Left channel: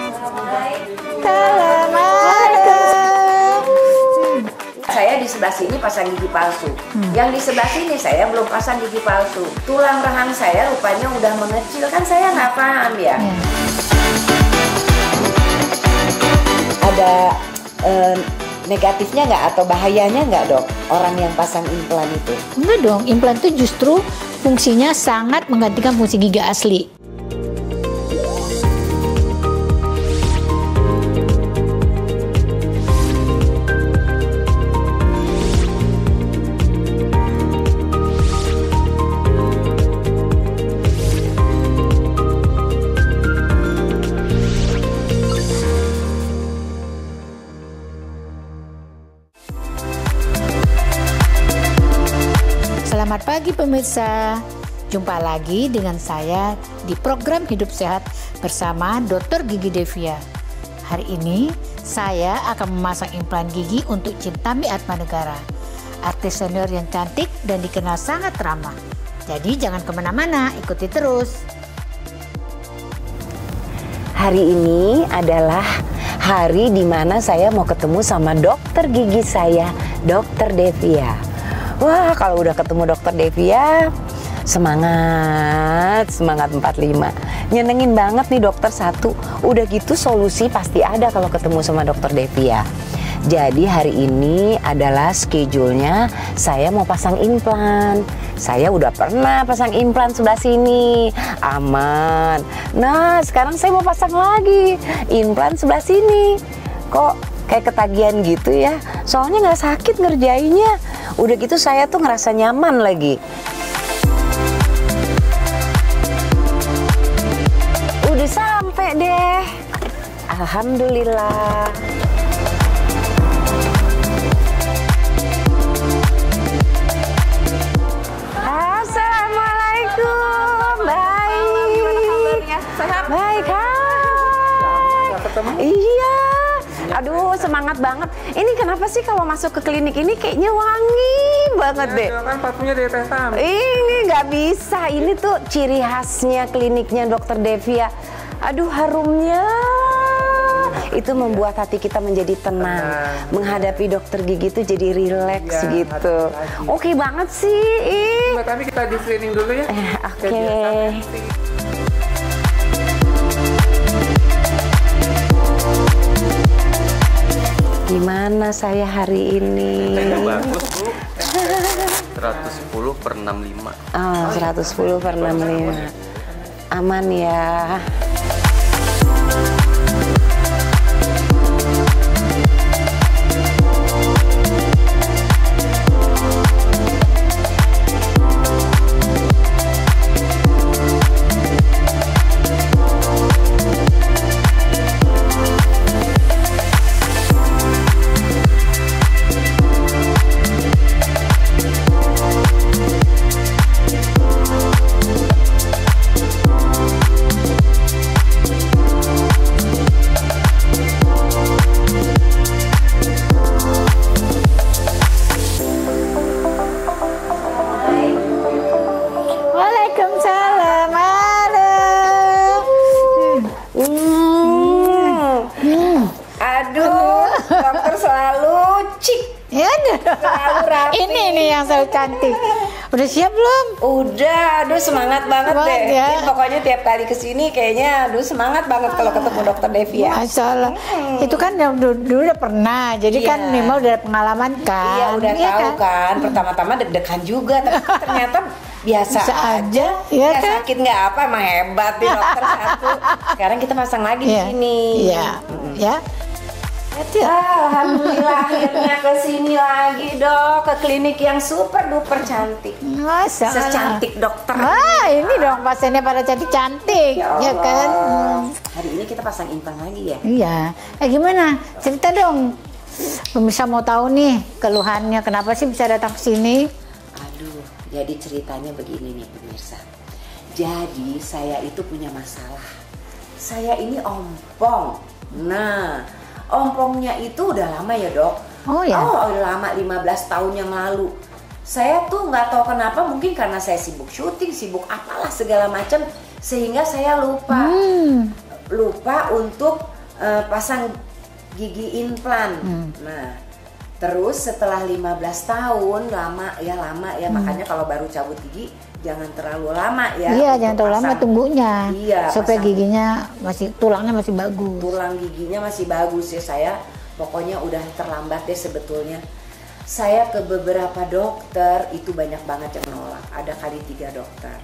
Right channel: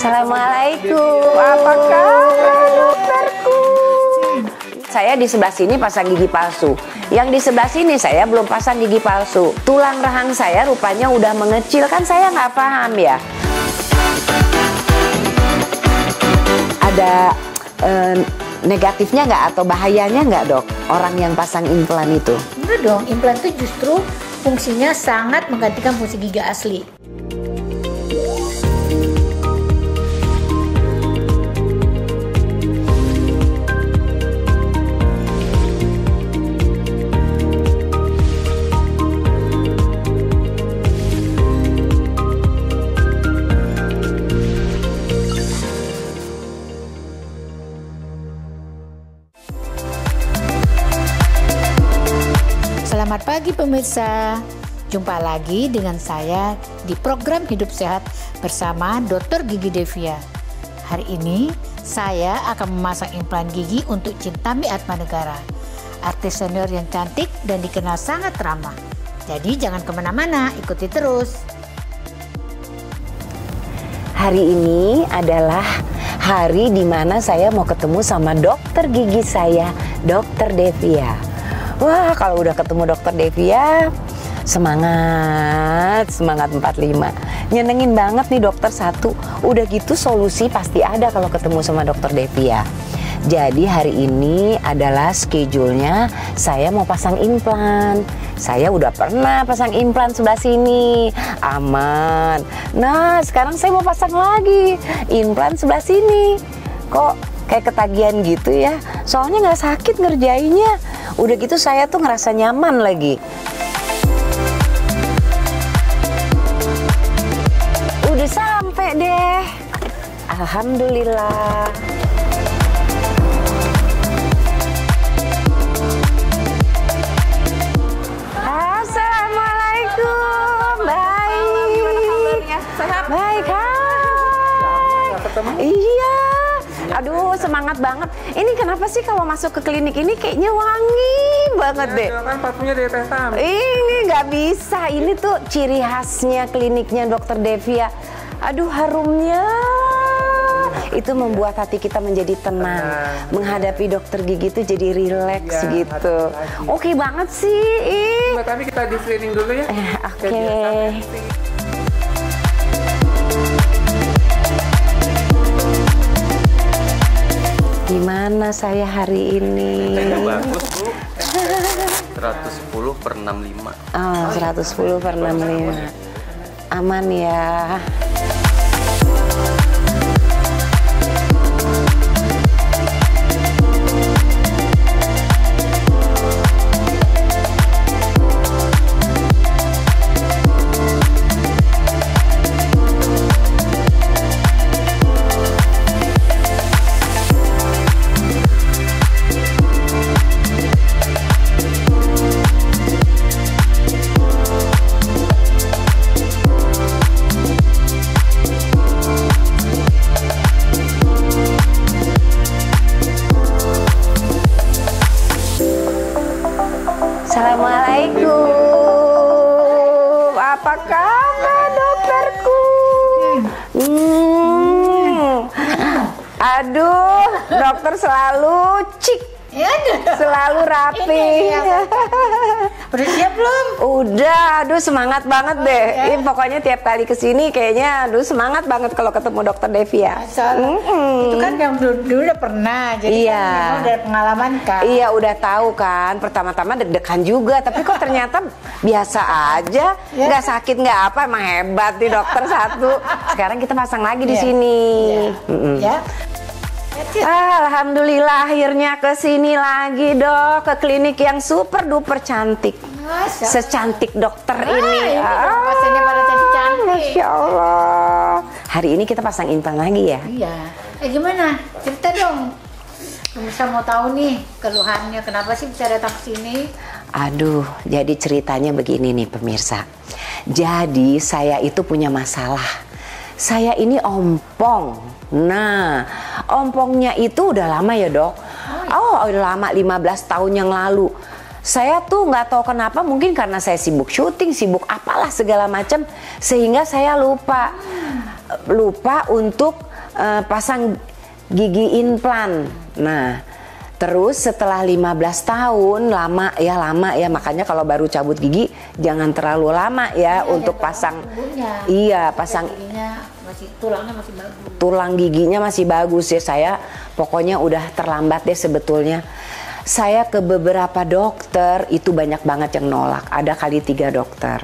Assalamualaikum. Saya di sebelah sini pasang gigi palsu. Yang di sebelah sini saya belum pasang gigi palsu. Tulang rahang saya rupanya udah mengecil, kan saya nggak paham ya. Ada negatifnya nggak atau bahayanya nggak, Dok, orang yang pasang implan itu? Enggak dong, implan itu justru fungsinya sangat menggantikan fungsi gigi asli. Selamat pagi pemirsa, jumpa lagi dengan saya di program Hidup Sehat bersama Dr. Gigi Devia. Hari ini saya akan memasang implan gigi untuk Cintami Atmanegara, artis senior yang cantik dan dikenal sangat ramah. Jadi jangan kemana-mana, ikuti terus. Hari ini adalah hari di mana saya mau ketemu sama dokter gigi saya, Dr. Devia. Wah, kalau udah ketemu Dokter Devia, semangat 45. Nyenengin banget nih dokter satu. Udah gitu solusi pasti ada kalau ketemu sama Dokter Devia. Jadi hari ini adalah schedule-nya saya mau pasang implan. Saya udah pernah pasang implan sebelah sini, aman. Nah, sekarang saya mau pasang lagi implan sebelah sini. Kok kayak ketagihan gitu ya? Soalnya nggak sakit ngerjainnya. Udah gitu saya tuh ngerasa nyaman lagi. Udah sampai deh. Alhamdulillah. Assalamualaikum. Baik. Gimana kabarnya? Sehat? Baik, iya. Aduh, semangat banget. Ini kenapa sih kalau masuk ke klinik ini kayaknya wangi banget deh. Ya, kan parfumnya dari Teh Tam. Ini nggak bisa. Ini tuh ciri khasnya kliniknya Dokter Devia. Aduh, harumnya. Itu membuat hati kita menjadi tenang. Menghadapi dokter gigi itu jadi rileks Ya, gitu. Oke banget sih. Mbak Tami, kita di screening dulu ya. Oke. Gimana saya hari ini? Bagus, Bu. 110/65. Oh, 110/65. Aman ya. Aduh, dokter selalu cik, selalu rapi. Ini yang selalu cantik. Udah siap belum? Udah, aduh semangat banget deh. Ya. Ini pokoknya tiap kali kesini kayaknya, aduh semangat banget kalau ketemu Dokter Devia. Masya Allah. Itu kan yang dulu udah pernah, jadi kan Iya. memang udah pengalaman kan. Iya, udah Iya tahu kan. Pertama-tama deg-degan juga, tapi kok ternyata biasa aja. Iya Nggak kan? sakit nggak apa, emang hebat nih dokter satu. Sekarang kita pasang lagi di Iya. sini. Iya. Ya. Alhamdulillah akhirnya ke sini lagi, Dok, ke klinik yang super duper cantik. Masya Allah. Secantik dokter Ah, ini. ini dong pasiennya pada cantik-cantik, Masya ya Allah. kan? Hari ini kita pasang implan lagi ya. Iya. Gimana? Cerita dong. Pemirsa mau tahu nih keluhannya, kenapa sih bisa datang ke sini? Aduh, jadi ceritanya begini nih pemirsa. Jadi saya itu punya masalah. Saya ini ompong. Nah, ompongnya itu udah lama ya, Dok. Oh ya? Oh, udah lama, 15 tahun yang lalu. Saya tuh nggak tahu kenapa, mungkin karena saya sibuk syuting, sibuk apalah segala macam, sehingga saya lupa. Lupa untuk pasang gigi implan. Nah, terus setelah 15 tahun, lama ya, makanya kalau baru cabut gigi jangan terlalu lama ya untuk pasang. Lama tunggunya. Iya, supaya giginya tulangnya masih bagus. Tulang giginya masih bagus ya. Saya pokoknya udah terlambat deh sebetulnya. Saya ke beberapa dokter itu banyak banget yang nolak. Ada kali 3 dokter.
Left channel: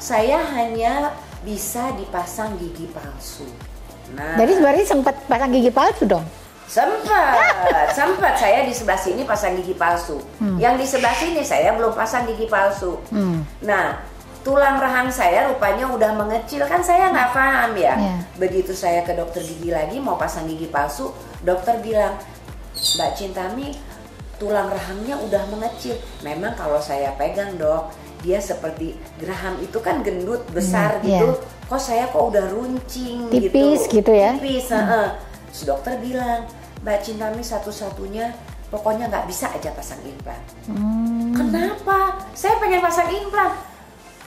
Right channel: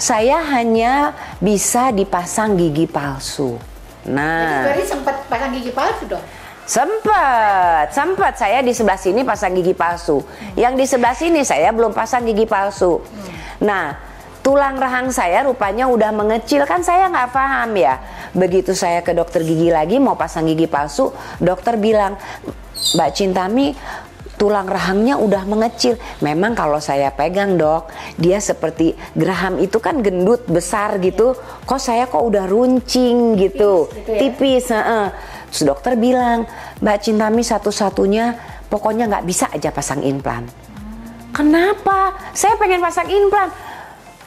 Saya hanya bisa dipasang gigi palsu. Nah, jadi sebenarnya sempat pasang gigi palsu dong? Sempat saya di sebelah sini pasang gigi palsu. Yang di sebelah sini saya belum pasang gigi palsu. Nah, tulang rahang saya rupanya udah mengecil, kan saya nggak paham ya. Begitu saya ke dokter gigi lagi mau pasang gigi palsu, dokter bilang, Mbak Cintami, tulang rahangnya udah mengecil. Memang kalau saya pegang, Dok, dia seperti geraham itu kan gendut besar gitu. Kok saya udah runcing tipis gitu ya? Tipis. Terus dokter bilang, Mbak Cintami satu-satunya pokoknya nggak bisa aja pasang implan. Kenapa? Saya pengen pasang implan.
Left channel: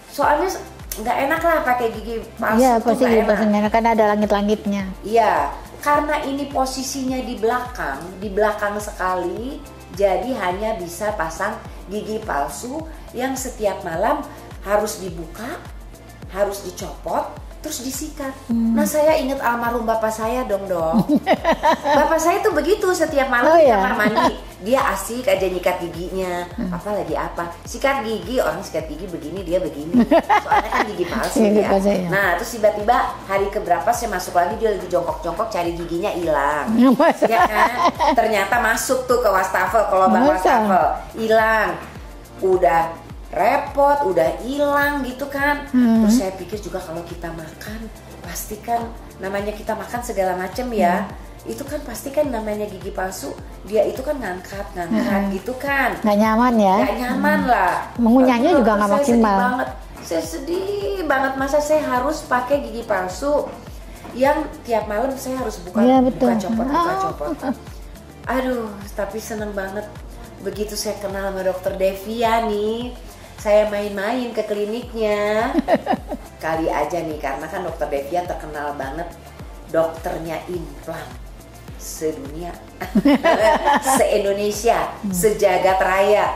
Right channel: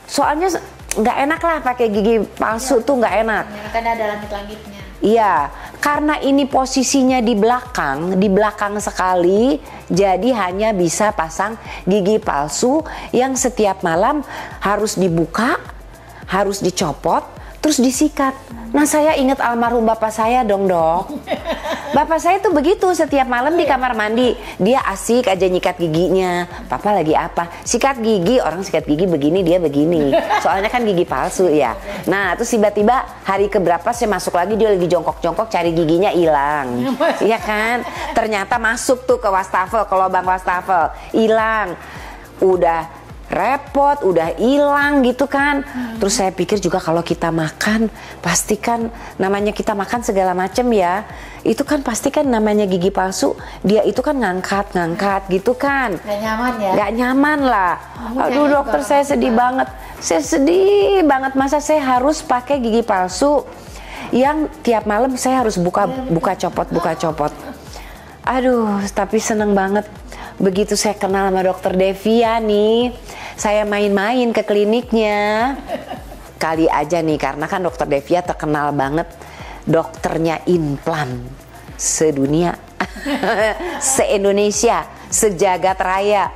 Soalnya nggak enak lah pakai gigi palsu tuh, nggak enak. Karena ada langit-langitnya. Iya, karena ini posisinya di belakang sekali, jadi hanya bisa pasang gigi palsu yang setiap malam harus dibuka, harus dicopot, terus disikat. Nah, saya ingat almarhum bapak saya dong. Bapak saya tuh begitu, setiap malam di kamar mandi dia asik aja nyikat giginya. Papa lagi apa? Sikat gigi. Orang sikat gigi begini, dia begini. Soalnya kan gigi palsu ya. Nah, terus tiba-tiba hari keberapa saya masuk lagi, dia lagi jongkok-jongkok cari giginya hilang. Iya kan? Ternyata masuk tuh ke wastafel, ke lubang wastafel, hilang. Udah repot, udah hilang gitu kan. Terus saya pikir juga kalau kita makan, pasti kan namanya kita makan segala macam ya. Itu kan pasti kan namanya gigi palsu, dia itu kan ngangkat gitu kan. Nggak nyaman ya? Nggak nyaman lah. Mengunyahnya juga nggak saya sedih maksimal. banget. Saya sedih banget, masa saya harus pakai gigi palsu yang tiap malam saya harus buka copot. Aduh, tapi seneng banget. Begitu saya kenal sama dokter Devia nih, saya main-main ke kliniknya. Kali aja nih, karena kan dokter Devia terkenal banget dokternya implan sedunia, se-Indonesia, sejagat raya.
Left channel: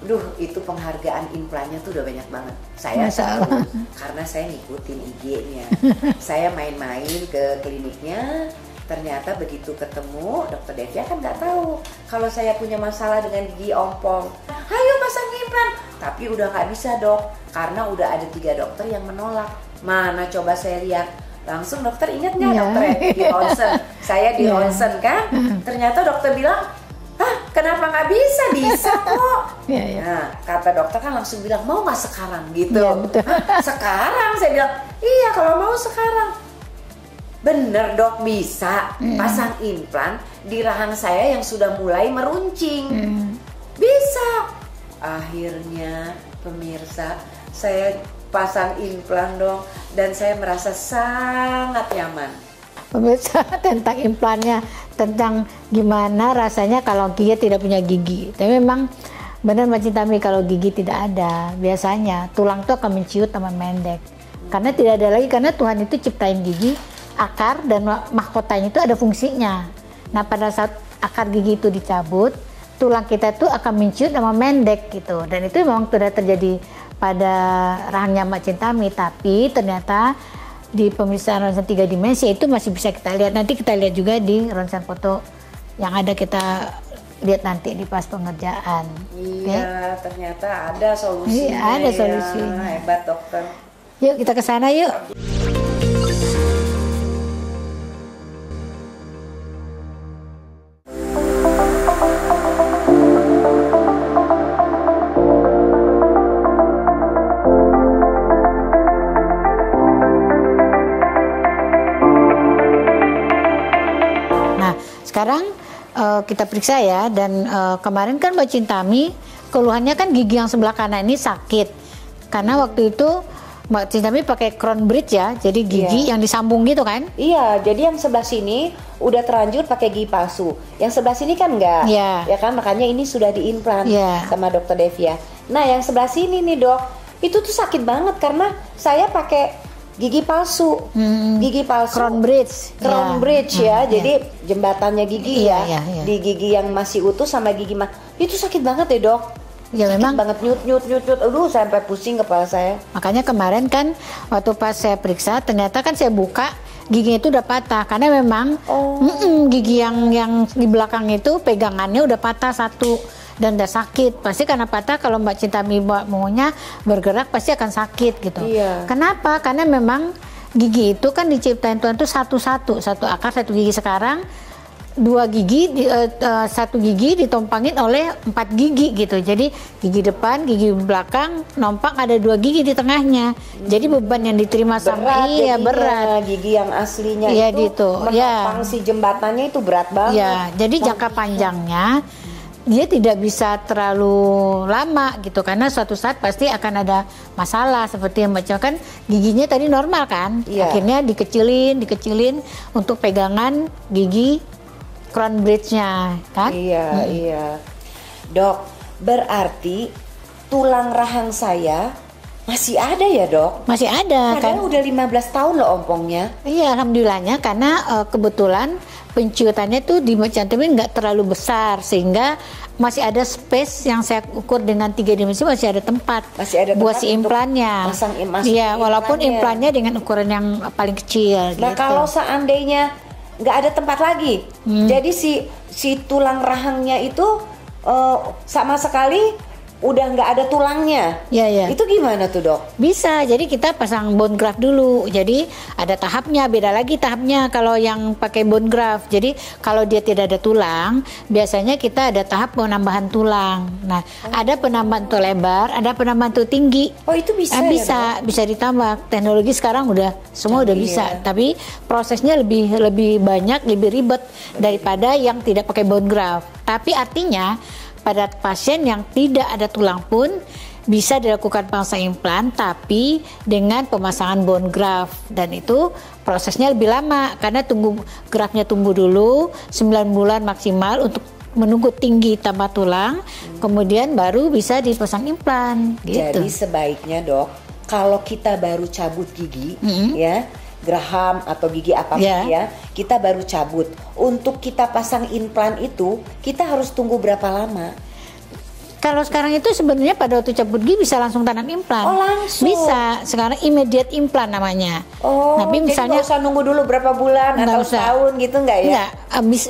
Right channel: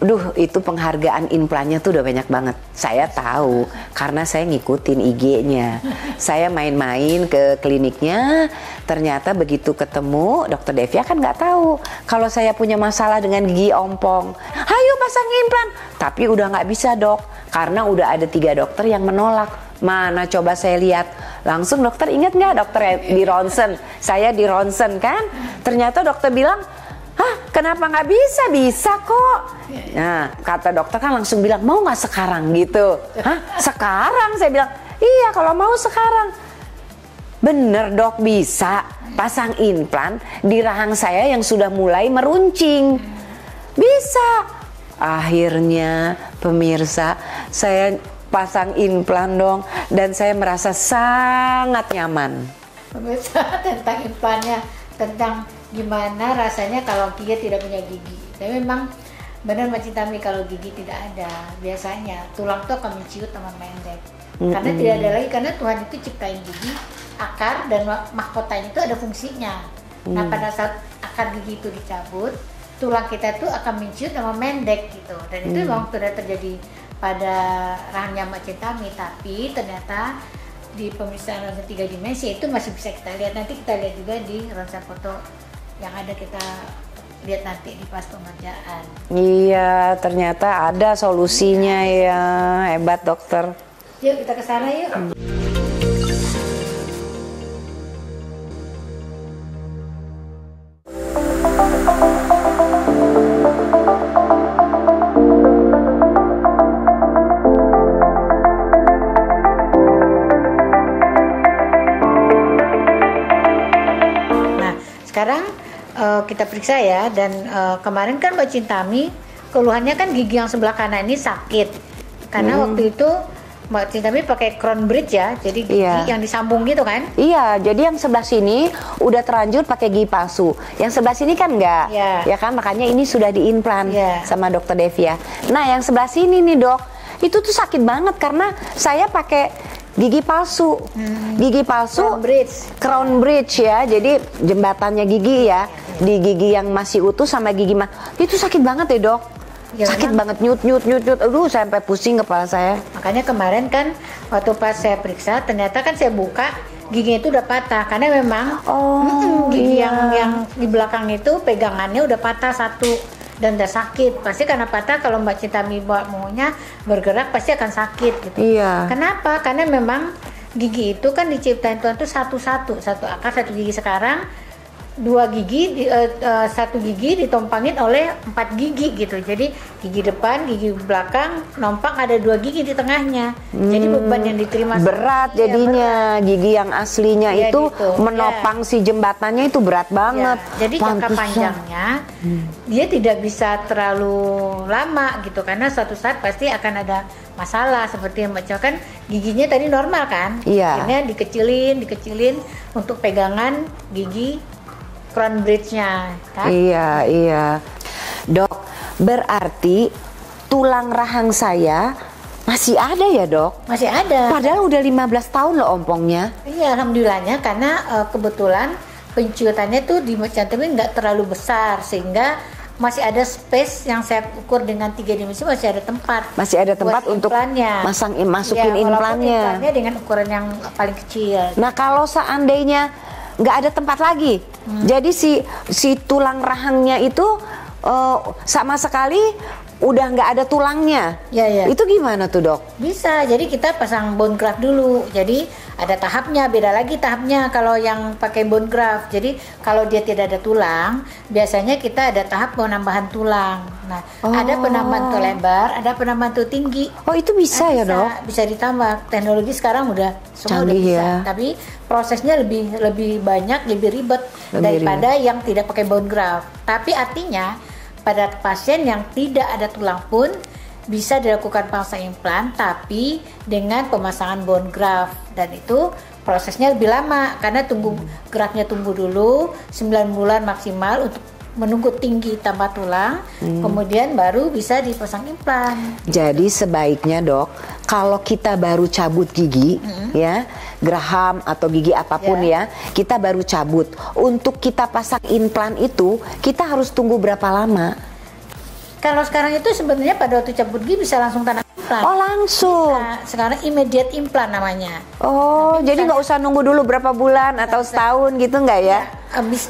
Duh, itu penghargaan implannya tuh udah banyak banget. Saya tahu karena saya ngikutin IG-nya. Saya main-main ke kliniknya. Ternyata begitu ketemu dokter Devia kan nggak tahu kalau saya punya masalah dengan gigi ompong. Ayo pasang implan. Tapi udah nggak bisa, Dok, karena udah ada 3 dokter yang menolak. Mana coba saya lihat. Langsung dokter, ingat nggak dokter di ronsen? Saya di ronsen kan. Ternyata dokter bilang, hah, kenapa nggak bisa? Bisa kok. Nah, kata dokter kan langsung bilang, mau nggak sekarang gitu. Hah, sekarang? Saya bilang, iya kalau mau sekarang. Bener, Dok, bisa pasang implan di rahang saya yang sudah mulai meruncing. Bisa. Akhirnya pemirsa, saya pasang implan dong, dan saya merasa sangat nyaman. Pemirsa, tentang implannya, tentang gimana rasanya kalau gigi tidak punya gigi. Tapi memang benar Mbak Cintami, kalau gigi tidak ada, biasanya tulang itu akan menciut sama mendek. Karena tidak ada lagi, karena Tuhan itu ciptain gigi, akar dan mahkotanya itu ada fungsinya. Nah, pada saat akar gigi itu dicabut, tulang kita itu akan menciut sama mendek gitu. Dan itu memang sudah terjadi pada rahangnya Mbak Cintami. Tapi ternyata di pemeriksaan ronsen 3 dimensi itu masih bisa kita lihat. Nanti kita lihat juga di ronsen foto yang ada, kita lihat nanti di pas pengerjaan. Iya, ternyata ada solusinya. Ada solusi. Ya. Hebat dokter. Yuk kita ke sana yuk. Sekarang kita periksa ya, dan kemarin kan Mbak Cintami keluhannya kan gigi yang sebelah kanan ini sakit karena waktu itu Mbak Cintami pakai crown bridge ya, jadi gigi yang disambung gitu kan? Iya, jadi yang sebelah sini udah terlanjur pakai gigi palsu, yang sebelah sini kan enggak, ya kan, makanya ini sudah diimplan sama dokter Devia. Nah, yang sebelah sini nih, Dok, itu tuh sakit banget karena saya pakai gigi palsu. Gigi palsu. Crown bridge ya. Jadi jembatannya gigi ya. Di gigi yang masih utuh sama gigi itu sakit banget ya, Dok. Ya, sakit banget, nyut. Aduh, sampai pusing kepala saya. Makanya kemarin kan waktu pas saya periksa, ternyata kan saya buka giginya itu udah patah karena memang gigi yang di belakang itu pegangannya udah patah satu dan udah sakit. Pasti karena patah, kalau Mbak Cintami maunya bergerak pasti akan sakit gitu. Iya. Kenapa? Karena memang gigi itu kan diciptain Tuhan tuh satu akar, satu gigi. Sekarang satu gigi ditompangin oleh 4 gigi gitu. Jadi gigi depan, gigi belakang, nompak ada 2 gigi di tengahnya. Jadi beban yang diterima berat jadinya. Gigi yang aslinya itu gitu. Menopang si jembatannya itu berat banget. Jadi jangka panjangnya dia tidak bisa terlalu lama gitu, karena suatu saat pasti akan ada masalah seperti yang Mbak kan giginya tadi normal kan. Akhirnya dikecilin untuk pegangan gigi crown bridge-nya kan? Iya. Dok, berarti tulang rahang saya masih ada ya, Dok? Masih ada. Padahal udah 15 tahun loh ompongnya. Iya, alhamdulillahnya karena kebetulan penciutannya tuh di Mbak Cintami nggak terlalu besar sehingga masih ada space yang saya ukur dengan 3 dimensi, masih ada tempat. Masih ada tempat buat si implannya. Masukin walaupun implannya. Implannya dengan ukuran yang paling kecil. Nah, gitu. kalau seandainya nggak ada tempat lagi, jadi si tulang rahangnya itu sama sekali udah nggak ada tulangnya. Itu gimana tuh, Dok? Bisa, jadi kita pasang bone graft dulu. Jadi ada tahapnya, beda lagi tahapnya kalau yang pakai bone graft. Jadi kalau dia tidak ada tulang, biasanya kita ada tahap penambahan tulang. Nah, ada penambahan tuh lebar, ada penambahan tuh tinggi. Oh, itu bisa ya, Dok? Bisa ditambah. Teknologi sekarang udah semua udah bisa. Tapi prosesnya lebih banyak, lebih ribet daripada yang tidak pakai bone graft. Tapi artinya pada pasien yang tidak ada tulang pun bisa dilakukan pemasangan implan, tapi dengan pemasangan bone graft, dan itu prosesnya lebih lama karena geraknya tumbuh dulu 9 bulan maksimal untuk menunggu tinggi tambah tulang, kemudian baru bisa dipasang implan. Jadi sebaiknya, Dok, kalau kita baru cabut gigi, ya, geraham atau gigi apapun ya, kita baru cabut. Untuk kita pasang implan itu, kita harus tunggu berapa lama? Kalau sekarang itu sebenarnya pada waktu cabut gigi bisa langsung tanam implan. Oh, langsung? Bisa. Sekarang immediate implan namanya. Oh, tapi jadi nggak usah nunggu dulu berapa bulan atau setahun gitu nggak ya?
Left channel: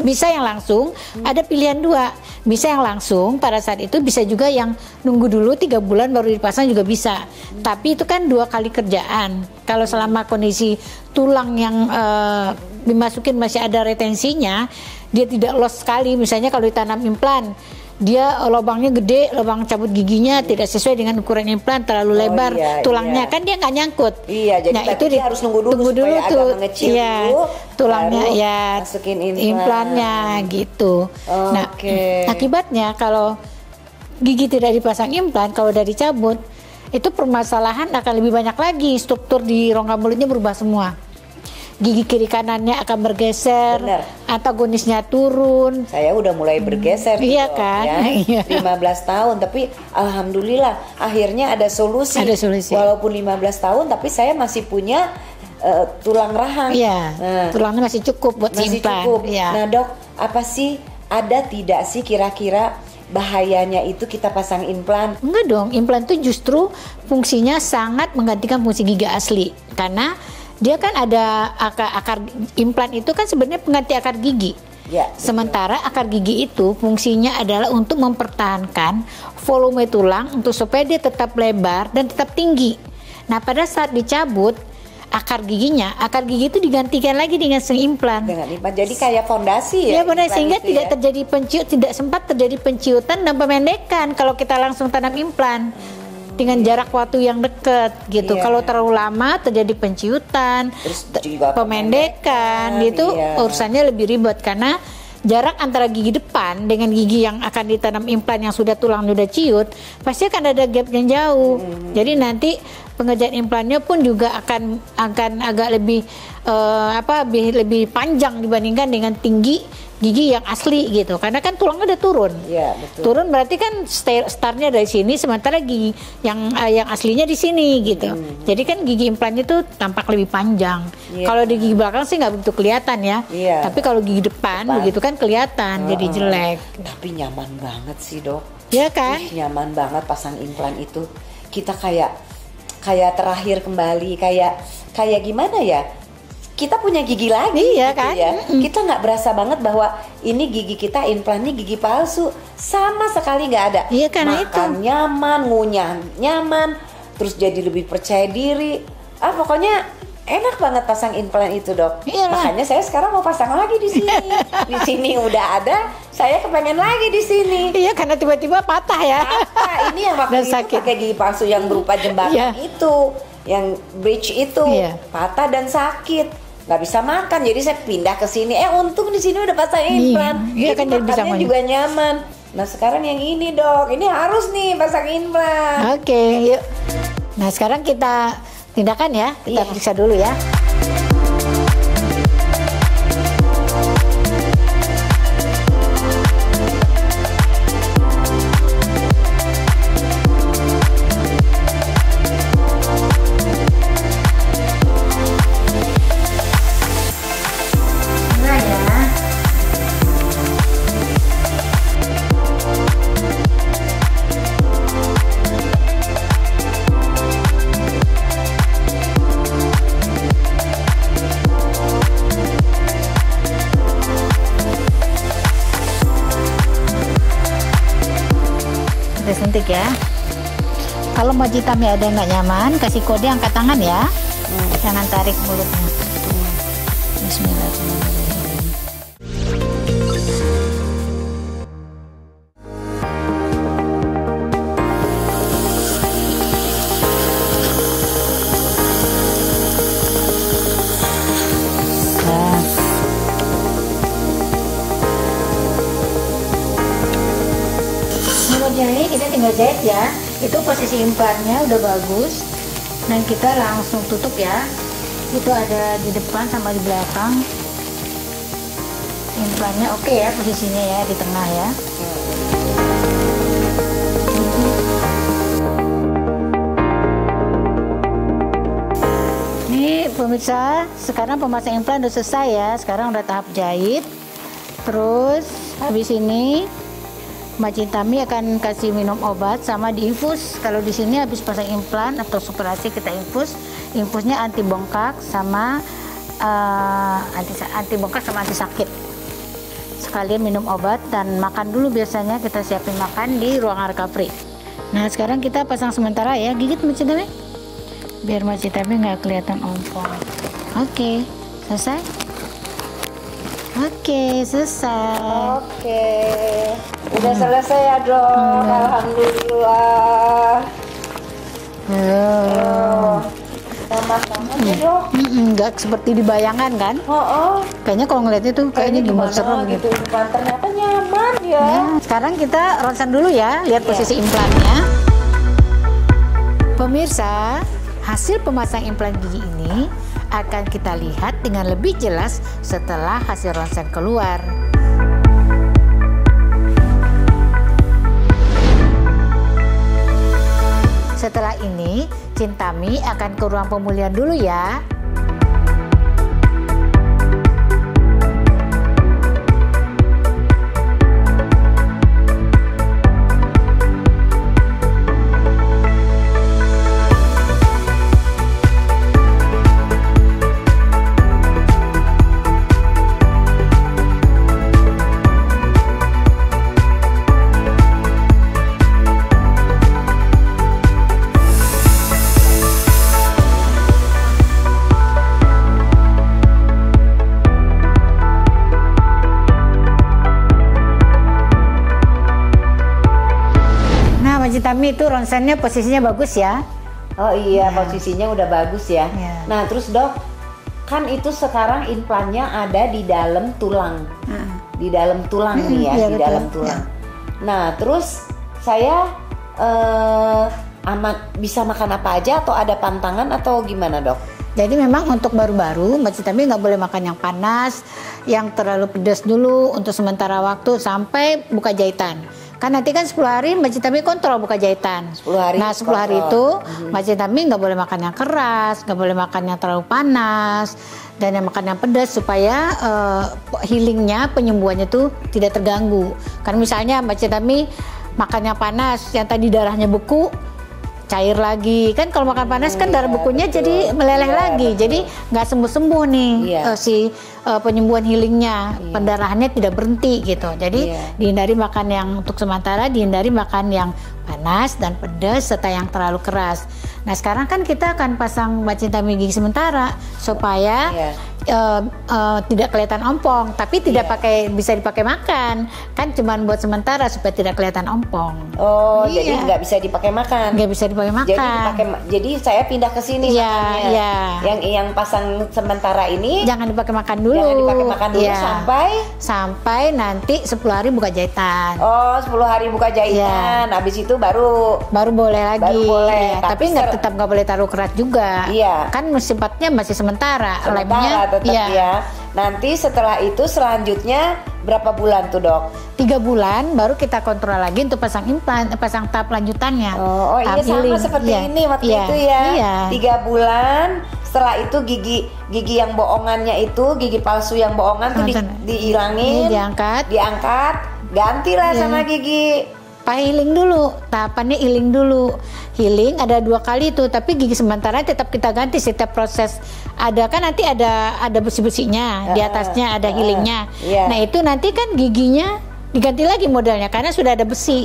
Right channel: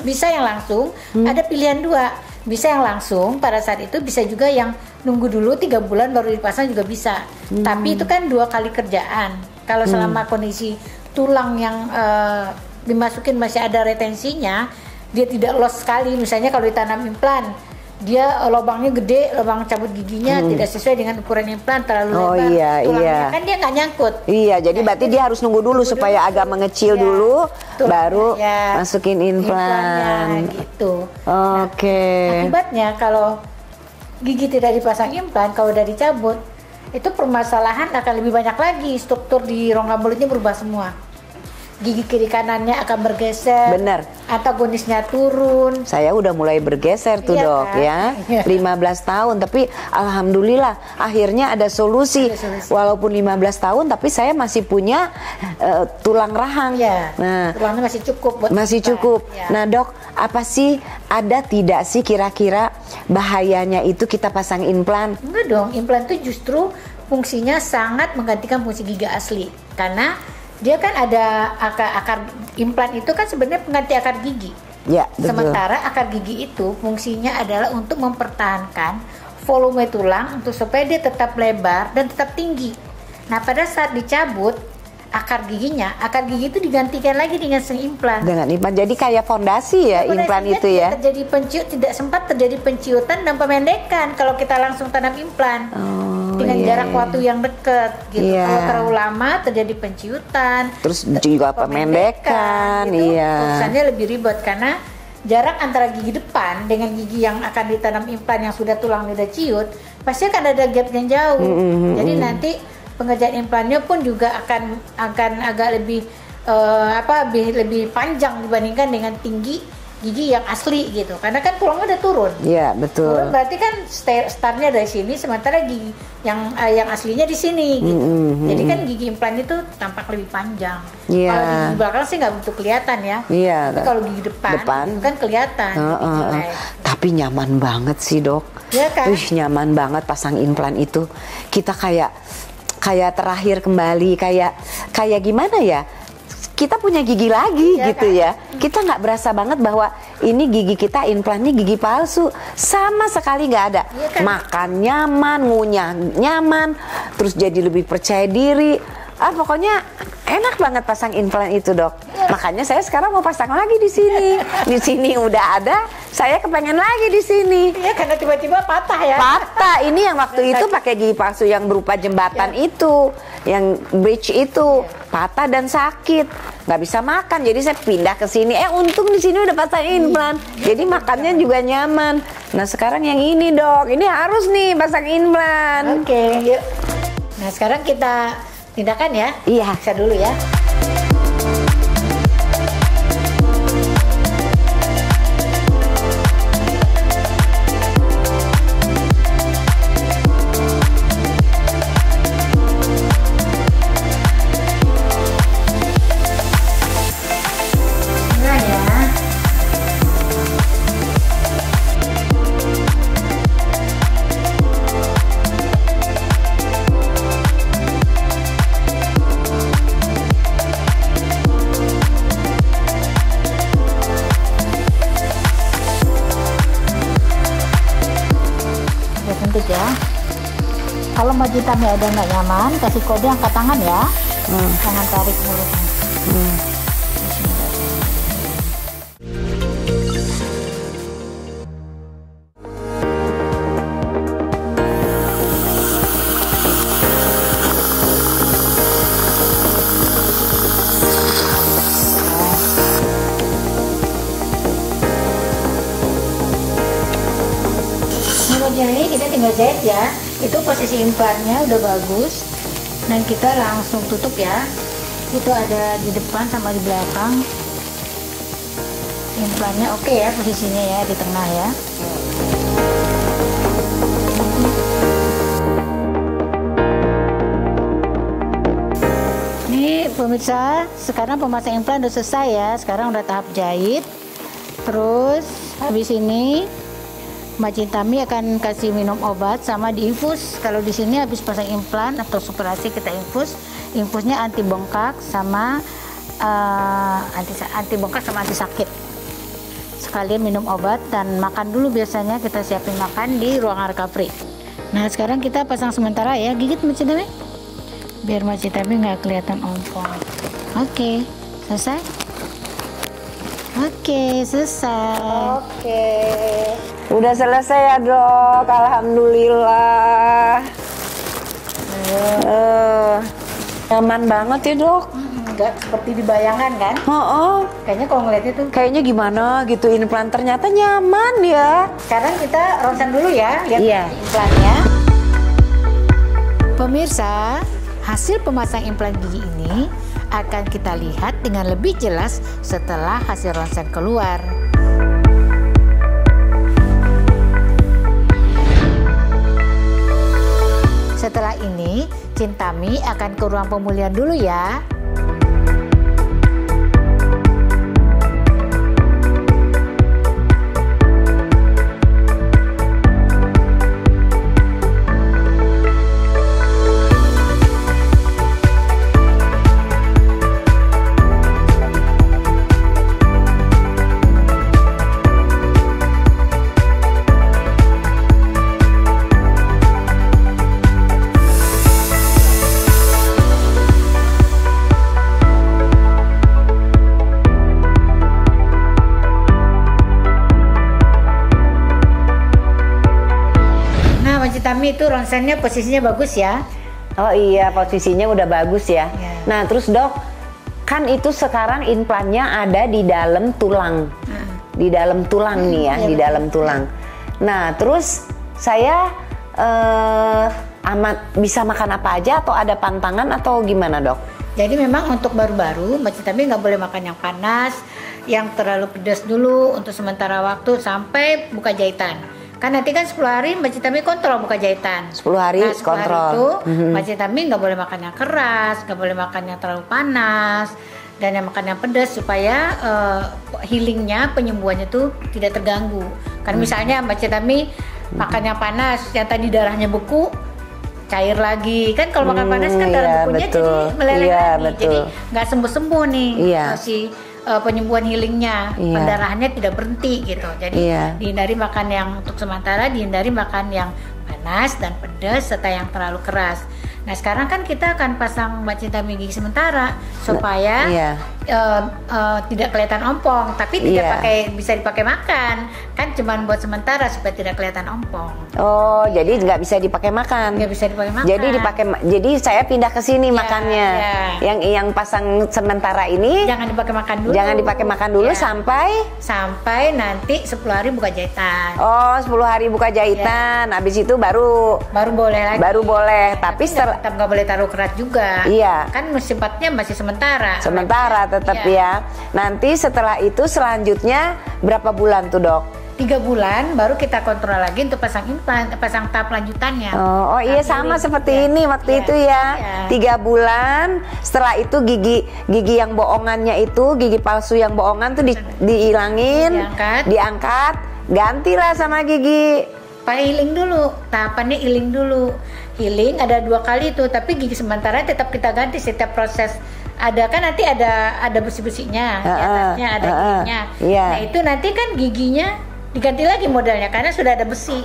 Bisa yang langsung. Ada pilihan 2. Bisa yang langsung pada saat itu, bisa juga yang nunggu dulu 3 bulan baru dipasang juga bisa. Tapi itu kan 2 kali kerjaan. Kalau selama kondisi tulang yang dimasukin masih ada retensinya, dia tidak loss sekali. Misalnya kalau ditanam implan, dia lubangnya gede, lubang cabut giginya tidak sesuai dengan ukuran implan, terlalu lebar, tulangnya kan dia nggak nyangkut. Iya, jadi berarti dia harus nunggu dulu supaya agak mengecil dulu, baru masukin implannya gitu. Nah, akibatnya kalau gigi tidak dipasang implan, kalau udah dicabut, itu permasalahan akan lebih banyak lagi. Struktur di rongga mulutnya berubah semua. Gigi kiri kanannya akan bergeser, antagonisnya turun. Saya udah mulai bergeser tuh, Dok, kan? Ya. 15 tahun, tapi alhamdulillah akhirnya ada solusi. Walaupun 15 tahun, tapi saya masih punya tulang rahang. Nah, tulangnya masih cukup buat masih cukup. Nah, Dok, apa sih, ada tidak sih kira-kira bahayanya itu kita pasang implan? Enggak dong, implan itu justru fungsinya sangat menggantikan fungsi gigi asli, karena dia kan ada akar implan itu kan sebenarnya pengganti akar gigi. Ya, betul. Sementara akar gigi itu fungsinya adalah untuk mempertahankan volume tulang untuk supaya dia tetap lebar dan tetap tinggi. Nah, pada saat dicabut akar gigi itu digantikan lagi dengan implan. Dengan implan, jadi kayak fondasi ya, implan sehingga itu ya. Tidak sempat terjadi penciutan dan pemendekan kalau kita langsung tanam implan. Dengan jarak waktu yang dekat gitu. Kalau terlalu lama terjadi penciutan, terus juga pemendekan, itu urusannya lebih ribet karena jarak antara gigi depan dengan gigi yang akan ditanam implan yang sudah tulang sudah ciut pasti akan ada gap yang jauh. Jadi nanti pengerjaan implannya pun juga akan agak lebih lebih panjang dibandingkan dengan tinggi gigi yang asli gitu, karena kan tulangnya udah turun. Iya, betul. Turun berarti kan startnya dari sini, sementara gigi yang aslinya di sini gitu. Jadi kan gigi implan itu tampak lebih panjang. Iya. Kalau di gigi belakang sih nggak begitu kelihatan ya. Iya. Tapi kalau gigi depan begitu kan kelihatan, jadi jelek. Tapi nyaman banget sih, Dok. Ya kan? Nyaman banget pasang implan itu. Kita kayak terakhir kembali, kayak gimana ya? Kita punya gigi lagi gitu kan? Ya. Kita nggak berasa banget bahwa ini gigi kita implannya gigi palsu, sama sekali nggak ada. Iya kan, makan itu nyaman, ngunyah nyaman, terus jadi lebih percaya diri. Pokoknya enak banget pasang implan itu, Dok. Iya, makanya saya sekarang mau pasang lagi di sini. Di sini udah ada, saya kepengen lagi di sini. Iya, karena tiba-tiba patah ya. Patah. Ini yang waktu Dan itu sakit. pakai gigi palsu yang berupa jembatan itu, yang bridge itu, patah dan sakit. Nggak bisa makan, jadi saya pindah ke sini. Untung di sini udah pasang implan, jadi kan makannya juga nyaman. Nah sekarang yang ini, Dok, ini harus nih pasang implan. Oke, yuk. Nah sekarang kita tindakan ya, kita periksa dulu ya. Ya. Kalau Majitami ada nggak nyaman, kasih kode angkat tangan ya. Jangan tarik mulutnya. Jadi kita tinggal jahit ya. Itu posisi implannya udah bagus, dan kita langsung tutup ya. Itu ada di depan sama di belakang. Implannya oke ya posisinya ya, di tengah ya. Ini pemirsa, sekarang pemasang implan udah selesai ya. Sekarang udah tahap jahit. Terus habis ini Mbak Cintami akan kasih minum obat sama diinfus. Kalau di sini habis pasang implan atau operasi kita infus, infusnya anti bengkak sama anti bengkak sama anti sakit. Sekalian minum obat dan makan dulu, biasanya kita siapin makan di ruangan recovery. Nah sekarang kita pasang sementara ya, gigit Mbak Cintami, biar Mbak Cintami nggak kelihatan ompong. Oke, selesai. Oke, selesai. Oke. Udah selesai ya, Dok. Alhamdulillah. Nyaman banget ya, Dok. Nggak seperti dibayangkan kan? Kayaknya kalau ngeliatnya tuh Kayaknya gimana gitu. Implan ternyata nyaman ya. Sekarang kita ronsen dulu ya, lihat posisi implannya. Pemirsa, hasil pemasang implan gigi ini akan kita lihat dengan lebih jelas setelah hasil ronsen keluar. Setelah ini, Cintami akan ke ruang pemulihan dulu ya. Cintami itu ronsennya posisinya bagus ya. Oh iya, posisinya udah bagus ya. Nah terus, Dok, kan itu sekarang implannya ada di dalam tulang. Di dalam tulang nih ya, di dalam tulang. Nah terus saya amat bisa makan apa aja atau ada pantangan atau gimana, Dok? Jadi memang untuk baru-baru Mbak Citami nggak boleh makan yang panas, yang terlalu pedas dulu untuk sementara waktu sampai buka jahitan. Kan nanti kan 10 hari Mbak Citami kontrol buka jahitan. 10 hari Nah 10 hari itu Mbak Citami nggak boleh makan yang keras, nggak boleh makan yang terlalu panas, dan yang makan yang pedas supaya healingnya, penyembuhannya itu tidak terganggu. Kan misalnya Mbak Citami makan yang panas, yang tadi darahnya beku, cair lagi. Kan kalau makan panas kan darah bekunya betul. jadi meleleh lagi. Betul. Jadi nggak sembuh-sembuh nih si penyembuhan healingnya. Pendarahannya tidak berhenti gitu. Jadi dihindari makan yang untuk sementara, dihindari makan yang panas dan pedas serta yang terlalu keras. Nah sekarang kan kita akan pasang Mbak Citami gigi sementara supaya tidak kelihatan ompong, tapi tidak bisa dipakai makan. Kan cuma buat sementara supaya tidak kelihatan ompong. Oh, jadi nggak bisa dipakai makan. Nggak bisa dipakai makan. Jadi saya pindah ke sini makannya. Yang pasang sementara ini jangan dipakai makan dulu. Jangan dipakai makan dulu sampai nanti 10 hari buka jahitan. Oh, 10 hari buka jahitan. Habis itu baru boleh lagi. Baru boleh. Tapi tetap nggak boleh taruh keras juga. Kan sifatnya masih sementara. Sementara tetap ya. Nanti setelah itu selanjutnya berapa bulan tuh dok? 3 bulan baru kita kontrol lagi untuk pasang implan, pasang tahap lanjutannya. Oh iya sama seperti ini waktu itu ya. 3 bulan. Setelah itu gigi yang bohongannya itu, gigi palsu yang bohongan tuh dihilangin, diangkat, gantilah sama gigi. Healing dulu, tahapannya healing dulu. Healing ada 2 kali itu, tapi gigi sementara tetap kita ganti setiap proses. Ada kan nanti ada besi-besinya, di atasnya ada healingnya. Nah itu nanti kan giginya diganti lagi modelnya karena sudah ada besi.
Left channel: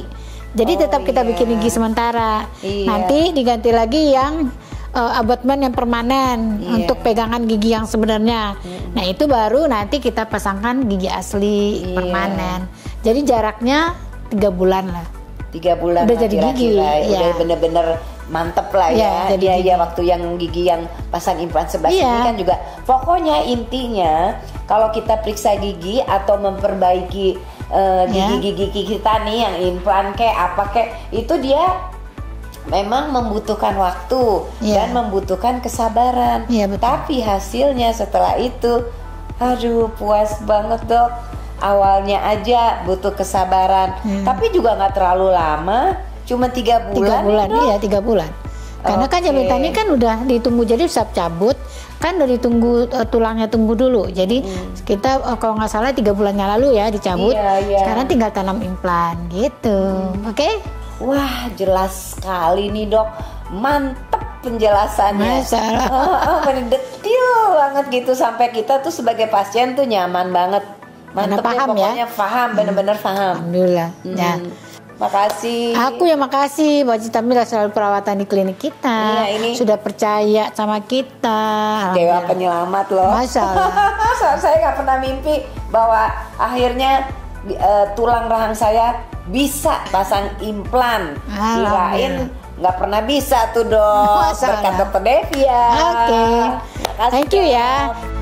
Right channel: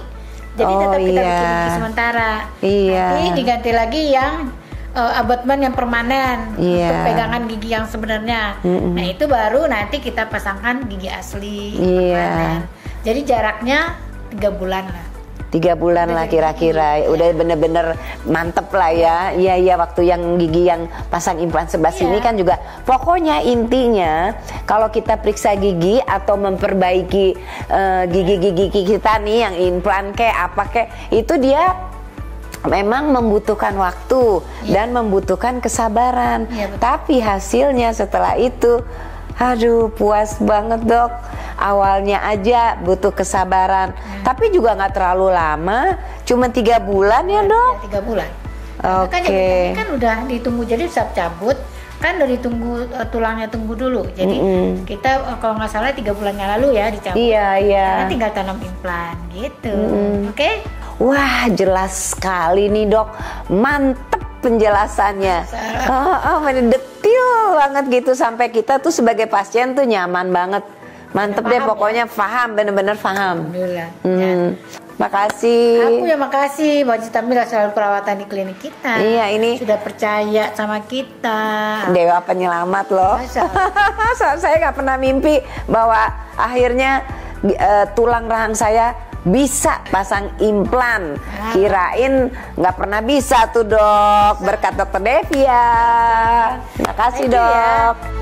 Jadi tetap kita bikin gigi sementara. Nanti diganti lagi yang abutment yang permanen untuk pegangan gigi yang sebenarnya. Nah itu baru nanti kita pasangkan gigi asli permanen. Jadi jaraknya 3 bulan lah. 3 bulan lah kira-kira, udah bener-bener mantep lah ya. Iya waktu yang gigi yang pasang implan sebelah sini kan juga. Pokoknya intinya kalau kita periksa gigi atau memperbaiki gigi-gigi kita nih yang implan apa itu dia memang membutuhkan waktu dan membutuhkan kesabaran. Tapi hasilnya setelah itu, aduh puas banget dok. Awalnya aja butuh kesabaran, tapi juga nggak terlalu lama, cuma 3 bulan ya dok? Iya 3 bulan. Karena kan yang tadi kan udah ditunggu, jadi siap cabut kan udah ditunggu tulangnya tumbuh dulu. Jadi kita kalau nggak salah 3 bulan yang lalu ya dicabut. Sekarang tinggal tanam implan gitu. Oke? Wah jelas sekali nih dok, mantep penjelasannya. Mendetil banget gitu sampai kita tuh sebagai pasien tuh nyaman banget. Mantep deh pokoknya paham, bener-bener paham. Alhamdulillah. Makasih. Aku yang makasih Mbak Citami selalu perawatan di klinik kita. Ini sudah percaya sama kita. Dewa penyelamat loh. Masya Allah. Saya nggak pernah mimpi bahwa akhirnya tulang rahang saya bisa pasang implan. Kirain nggak pernah bisa tuh dok. Berkat dokter Devia. Oke. Makasih dok.